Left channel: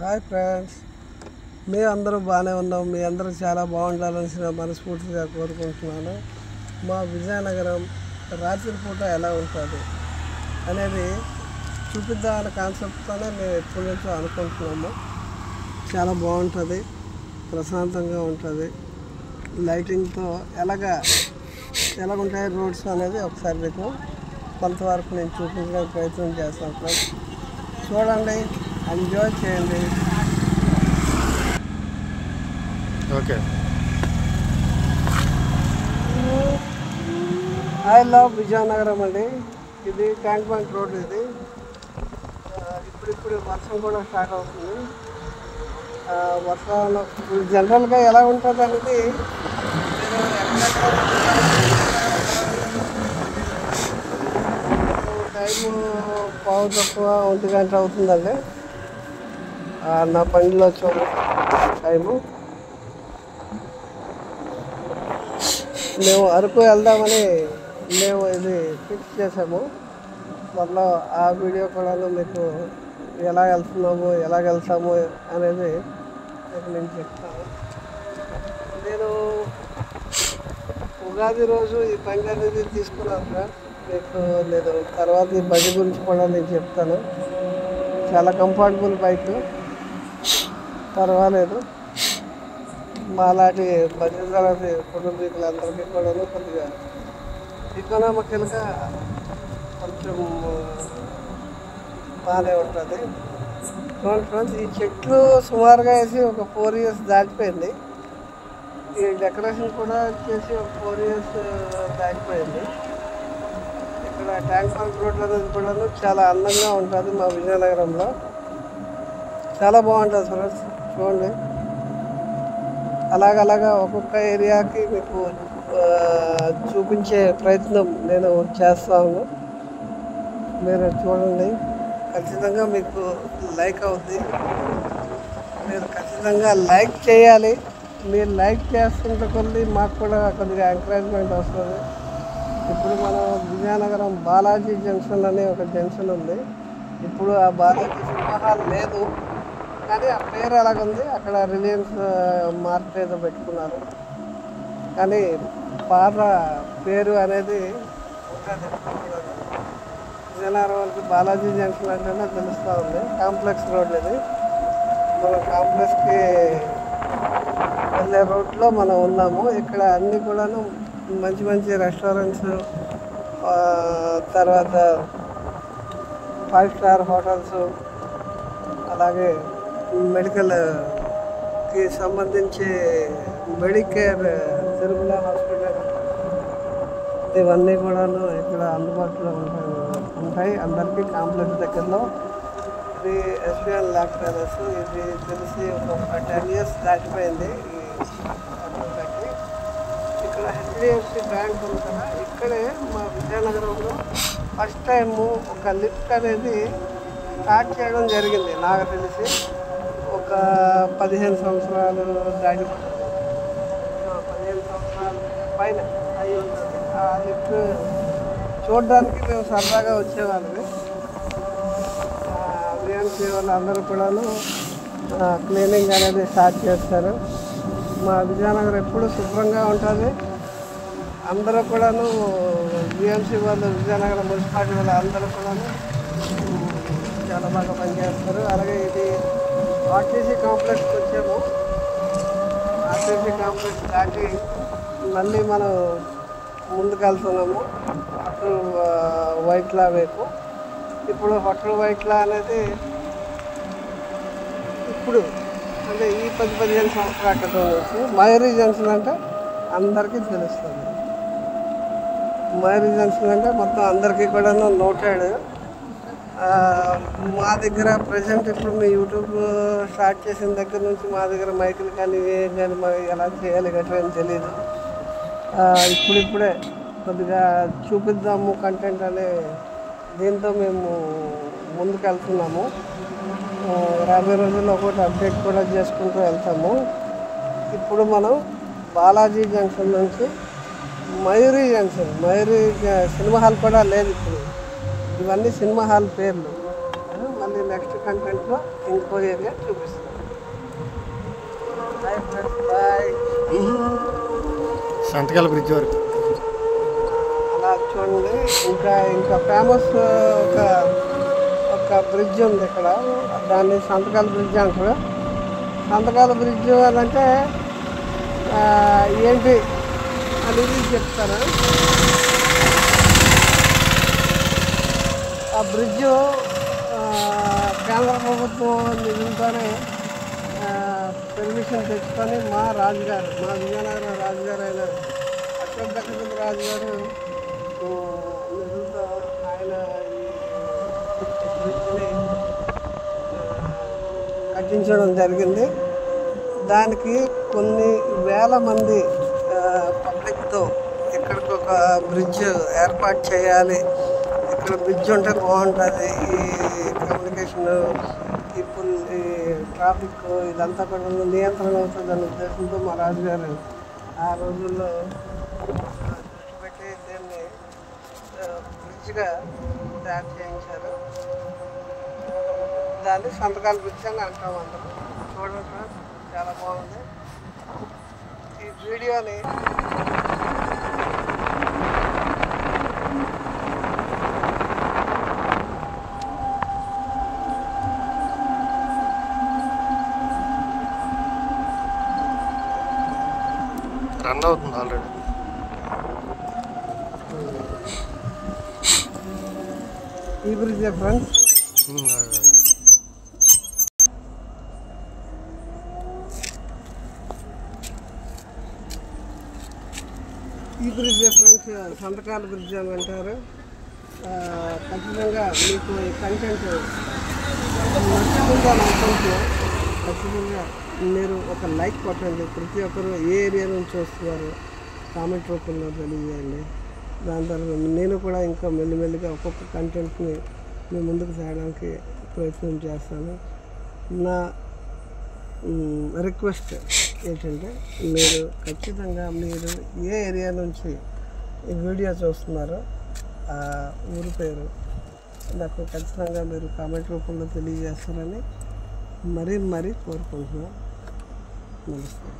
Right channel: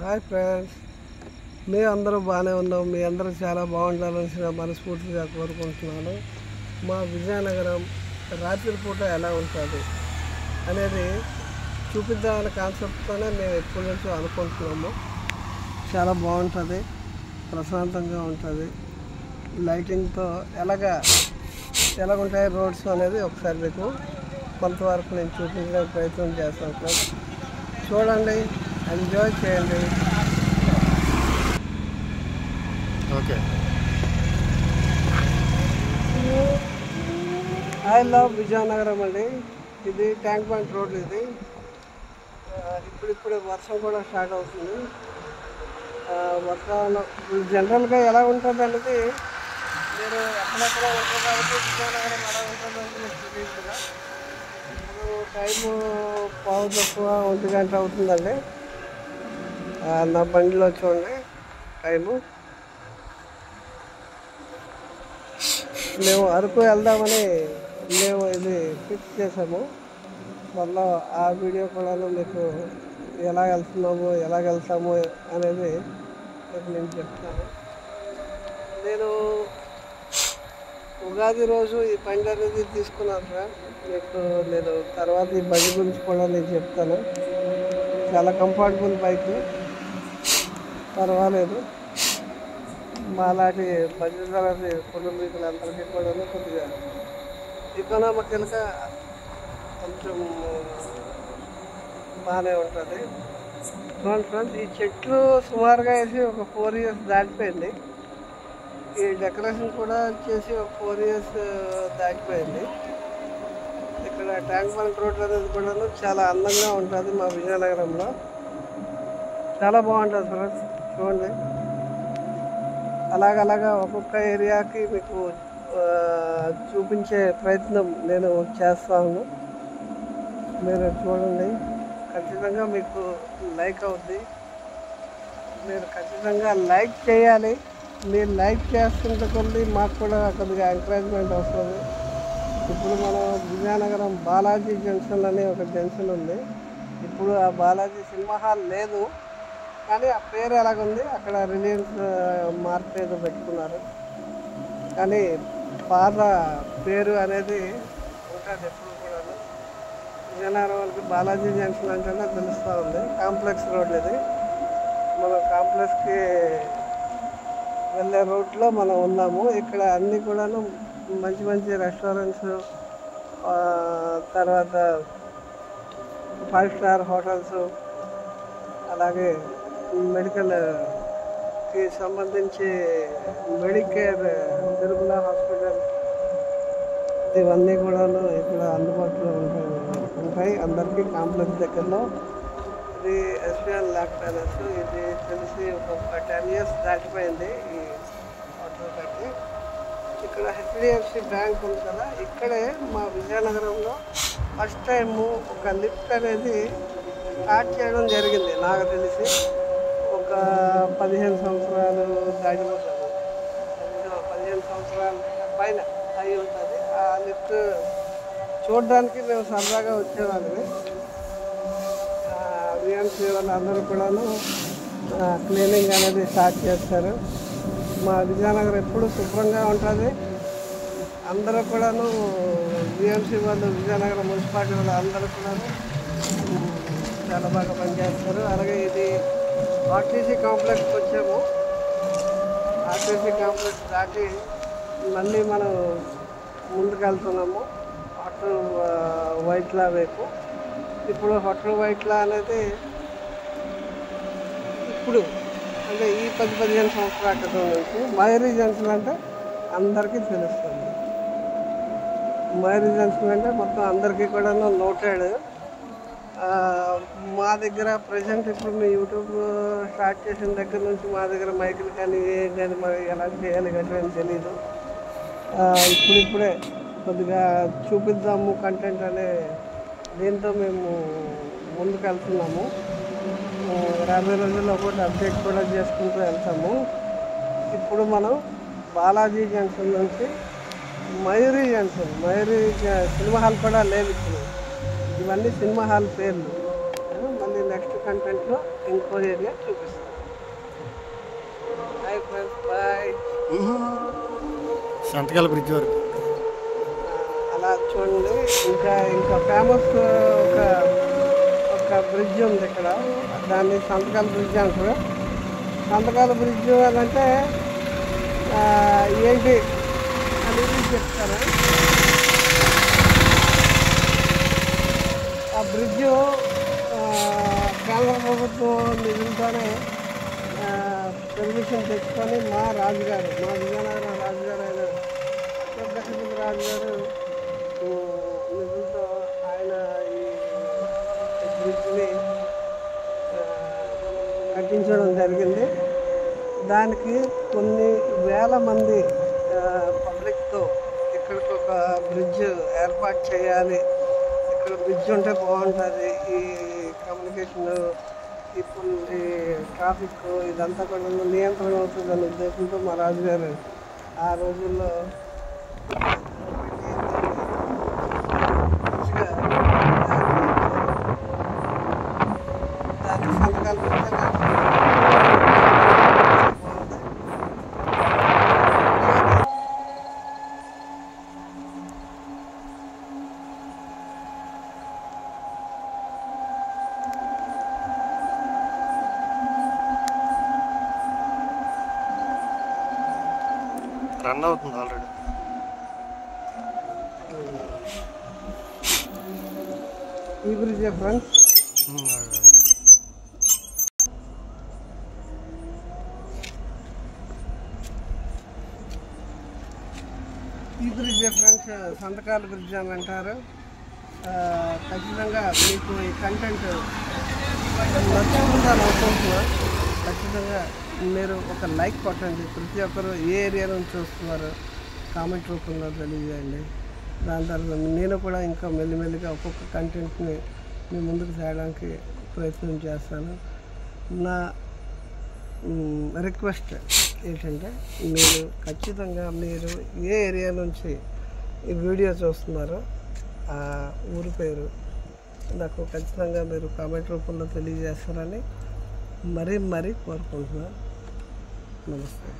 Hi friends, మీ అందరూ బాగానే ఉన్నాం. మీ అందరూ చాలా బాగుండాలని మనస్ఫూర్తిగా కోరుకుంటున్నాను. మా విజయనగరం రాత్రిపూట ఎలా ఉంటుంది అనేది చూపిద్దామనే కాన్సెప్ట్తోనే మేము ఎప్పటి నుంచో అనుకుంటున్నాము. చాలా బాగుంటుంది, ప్రశాంతంగా ఉంటుంది. లైటింగ్తో ఎలాగుంటాయి రోడ్స్ అనేది ఒకసారి మీకు కొంతవరకు నేను చూపించడానికి ప్రయత్నం చేస్తాను ఫ్రెండ్స్. చూడండి, ఎంజాయ్ చేయండి. ఓకే, ఐ లవ్ విజయనగరం అండి. ఇది ట్యాంక్ బండ్ రోడ్. ఇది ఇప్పుడిప్పుడే వర్షం కూడా స్టార్ట్ అవుతుంది. వర్షాలు జనరల్గా ఎలా ఉంటుంది అనేది టైము పావు తక్కువ 1 గంట అవుతుందండి. నా బండిలో చూడండి టైము. మేము అరకు వెళ్దామని మేము ఇది ఫిక్స్ చేసాము. మళ్ళీ ఆ వీడియో కూడా మీకు ఎలా వెళ్తున్నాము, ఎలా వెళ్తాము అనేది నేను చెప్తాను. నేను ఉగాది రోజు ఈ బండి అనేది తీసుకున్నాను సార్. మీకు నేను తర్వాత ఈ బండి గురించి కూడా నేను చెప్తాను. చాలా కంఫర్టబుల్ బైక్, పర్వాలేదు. మాలాంటి బజాజ్ కుటుంబీకులందరికీ కూడా కొద్దిగా ఎకనామికల్గా కొంచెం బాగానే ఉంటుంది. ఫ్రెండ్స్, ఈ చెట్లు సుమారుగా వేసి ఒక 4 years దాటిపోయింది. ఈ డెకరేషన్ కూడా వచ్చేసి ఒక 4 years దాటిపోయింది. ఇక్కడ ట్యాంక్ బండ్ రోడ్ అనేది కూడా చాలా అందంగా ఉంటుంది. మా విజయనగరంలో చాలా బాగుంటుంది ఫ్రెండ్స్. చూడండి, అలాగలాగా ఒక్కొక్క ఏరియాకి మీకు చూపించే ప్రయత్నం నేను చేస్తాను. మీరు చూడండి, ఖచ్చితంగా మీకు లైక్ అవుద్ది. మీరు ఖచ్చితంగా లైక్ చేయాలి. మీరు లైక్ చేస్తుంటే కొద్ది మాకు కూడా కొద్దిగా ఎంకరేజ్మెంట్ వస్తుంది. ఇప్పుడు మనం విజయనగరం బాలాజీ జంక్షన్ అనే ఒక జంక్షన్ ఉంది. ఇప్పుడు ఆ బాలాజీ సినిమా హాల్ లేదు, కానీ ఆ పేరు ఎలాగుంది, అక్కడ రిలయన్స్ మార్క్ ఏదో పెట్టుకున్నారు. కానీ పాత పేరు అనేది ఉంటుంది. విజయనగరం వాళ్ళకి బాలాజీ జంక్షన్ అంటేనే తెలుస్తూ ఉంది. కాంప్లెక్స్ రోడ్ ఇది. మన కాంప్లెక్స్కి వెళ్ళే రోడ్లో మనం ఉన్నాము. ఇక్కడ అన్నీ కూడాను మంచి మంచి రెస్టారెంట్స్, తర్వాత 5 star హోటల్స్, అలాగే మెడికల్కి సంబంధించి మెడికేర్, తిరుమల హాస్పిటల్, ఇవన్నీ కూడాను ఇక్కడ అందుబాటులో ఉంటాయి అందరికీ. కాంప్లెక్స్ దగ్గరలో ఇది ఎస్బీఎన్ ల్యాబ్ అనేసి ఇది తెలిసి ఒక 10 years దాటిపోయింది. ఈ అప్పుడు ఇక్కడ హెచ్డిఎఫ్సి బ్యాంక్ ఉంది కదా, ఇక్కడే మా విజయనగరంలో ఫస్ట్ టైము ఒక లిఫ్ట్ అనేది స్టార్ట్ చేయడం జరిగింది. నాకు తెలిసి ఒక 15 సంవత్సరాలు దాటిపోతుంది. 15 సంవత్సరాల పైన అయి ఉంటుంది. ఆ లిఫ్ట్ చూడడానికి మేము సరదాగా వచ్చేవాళ్ళము. విఎంసీ వాళ్ళు అందరూ కూడాను క్లీనింగ్ అనేది స్టార్ట్ చేస్తారు. మా విజయనగరం ఎప్పుడు శుభ్రంగా ఉంటుంది. అందరూ కూడాను విఎంసీ వాళ్ళు, విజయనగరం మున్సిపాలిటీ వాళ్ళు అందరూ కూడాను చాలా బాగా పనిచేస్తారు. అలాగే ఇది ఆర్టీసీ కాంప్లెక్స్కి వచ్చాము. ఆర్టీసీ కాంప్లెక్స్ దాటి మళ్ళీ మనం ముందుకు వెళ్తున్నాము హోటల్ వైట్లా వైపు. ఇప్పుడు హోటల్ వైట్లా అనేది ఇప్పుడు అంటే ఈ 10-15 సంవత్సరాల క్రితం నుంచి మయూరి జంక్షన్ అంటే అందరికీ తెలుస్తుంది. మయూరి జంక్షన్ అంటే మొత్తం అందరికీ కూడా నోటెడ్. మా దగ్గర ప్రజెంట్ ఇప్పుడు మీ యూట్యూబ్ స్టార్ట్ చేసిన దగ్గర నుంచి మా దగ్గర మైకులు కానీ నేను ఎలా చేయాలి గట్రా తెలియదు. ఇప్పుడిప్పుడే కొద్దిగా చూపిద్దాము కంటెంట్ అనే దీంతో మేము ముందుకు వెళ్తున్నాము. రాబోయే రోజుల్లో ఒకటి అప్డేట్ కూడా చేసుకుంటూ వెళ్తాము. ఇప్పుడు మనం బాలాజీ జంక్షన్ నుంచి Mayuri junction, Mayuri cinema hall కూడా లేదు ఇప్పుడు. ఇవన్నీ సినిమా హాల్ పేర్లు. మళ్ళీ నెక్స్ట్ కంటెంట్లో ఇంకో ఏరియా చూపిస్తాను. Bye friends, bye. సంతకాల బ్రిడ్జ్ వరకు అలా చూడండి. ఇంకా ఫేమస్ ఒక బ్రిడ్జ్ ఉంది ఇక్కడ, దాన్ని సంతకాల బ్రిడ్జ్ అంటారు. సంతకాల బ్రిడ్జ్ అదంటే ఏంటి అనేది చెప్తారు. ఆ బ్రిడ్జ్ కేంద్ర ప్రభుత్వం నిధులతోనే పర్మిషన్ తెచ్చుకొని మా విజయనగరం రాజుగారు అయిన అశోక్ గజపతి రాజుగారు నిధులతో ఆయన ఈ బ్రిడ్జ్ని కట్టించడం జరిగింది. దానికి కొన్ని వేల మంది పబ్లిక్తో ఇక్కడికి ఒక బ్రిడ్జ్ ఏర్పాటు చేయాలి, ఇక్కడ బ్రిడ్జ్ ఉంటే బాగుంటుంది, ఈ కమ్యూనికేషన్ పీపుల్ ఈ ట్రాఫిక్ ఇదంతా కూడా నియంత్రణ అవుతుంది అనే ఉద్దేశంతో మా రాజుగారు ఆ రోజుల్లో బ్రిడ్జ్గా దాన్ని సంతకాలు పిచ్చాను. రన్ అవుతుంది ఆల్రెడీ. ఈ బ్రిడ్జ్ ఫ్రెండ్స్, ఈ బ్రిడ్జ్ ఫ్రెండ్స్ సంతకాల బ్రిడ్జ్ అని అంటారు. ఖచ్చితంగా మీకు ఈ కంటెంట్ నచ్చుతుందని అనుకుంటున్నాను. ఖచ్చితంగా మీరు ఒక లైక్ కొట్టండి. ప్రతి ఒక్కరు ఏ ఏరియా నుంచి వస్తున్నారు కామెంట్ రూపంలో తెలియజేయండి. దాని తర్వాత నేను కూడా ఇంకా మెల్లిమెల్లిగా ఒక్కొక్క కంటెంట్ని మీ ముందుకు తేయడానికి ప్రయత్నం చేస్తాను. నా రిక్వెస్ట్ ఏంటంటే మీరు ఖచ్చితంగా మీరు ఏ ఏరియా నుంచి ఈ వీడియో చూస్తున్నారో ఆ ఊరి పేరు నాకు ఖచ్చితంగా మీరు కామెంట్ రూపంలో తెలియజేస్తారని మరీ కోరుకుంటున్నాను. నమస్తే.